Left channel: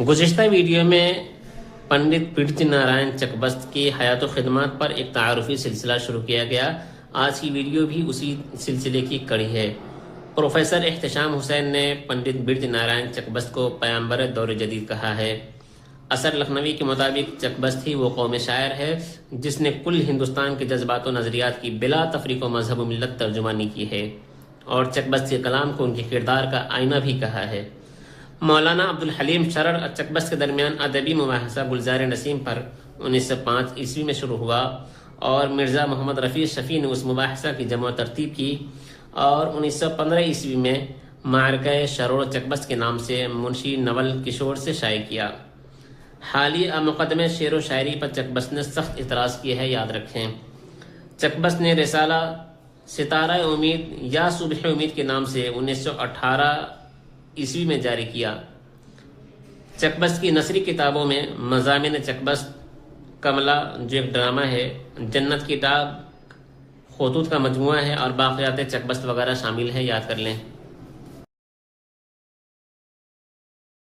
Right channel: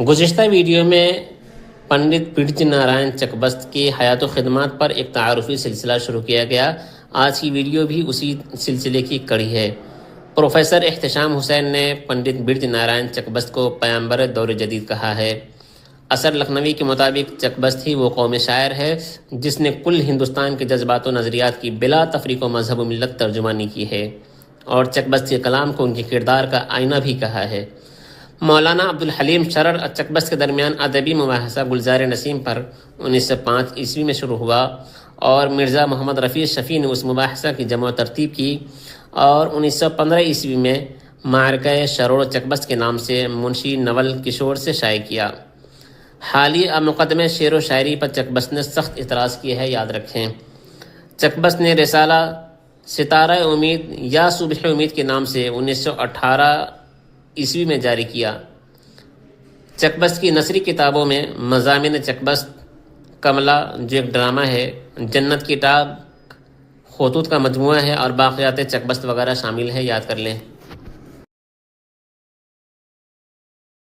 گزشتہ ویڈیو میں پنڈت برج نارائن چکبست کی حیات و خدمات پر ایک تعارفی سلسلہ شروع کیا گیا۔ آج کی ویڈیو بھی اسی سلسلے کی کڑی ہے۔ پروفیسر احتشام حسین نے پنڈت برج نارائن چکبست کو پیامبر دور جدید کہا ہے۔ اثر لکھنوی کے مطابق چکبست ہی وہ قومی شاعر ہے جس نے کل ہندوستان کے جذبات و نظریات کی بلا تفریق و مذہب و ملت ترجمانی کی ہے اور چکبست کے کلام کو ان کے کردار کا آئینہ بھی کہا ہے۔ مولانا عبدالحلیم شرر چکبست کے درمیان ادبی مباحثہ گلزار نسیم پر 1905 عیسوی میں شروع ہوا اور مرزا محمد رفیع شفیع نے اس مباحثہ کی جمع و ترتیب کی اور 1915 عیسوی میں معرکہ شرور چکبست کے نام سے منشی نول کشور سے شائع کیا۔ حالیہ مقدمے شعر و شاعری پر چکبست نے سخت اعتراض کیا ہے، یاد رکھیں۔ چکبست نے رسالہ ستارہ امید یا صبح امید کے نام سے 1918 عیسوی میں جاری کیا۔ چکبست کی نثری کتابوں میں مضامین چکبست، کملا جو ایک ڈرامہ ہے، جنت کی ٹاپ، خطوط کا مجموعہ ہے اور باقیات چکبست وغیرہ شامل ہے، یاد کر لیں۔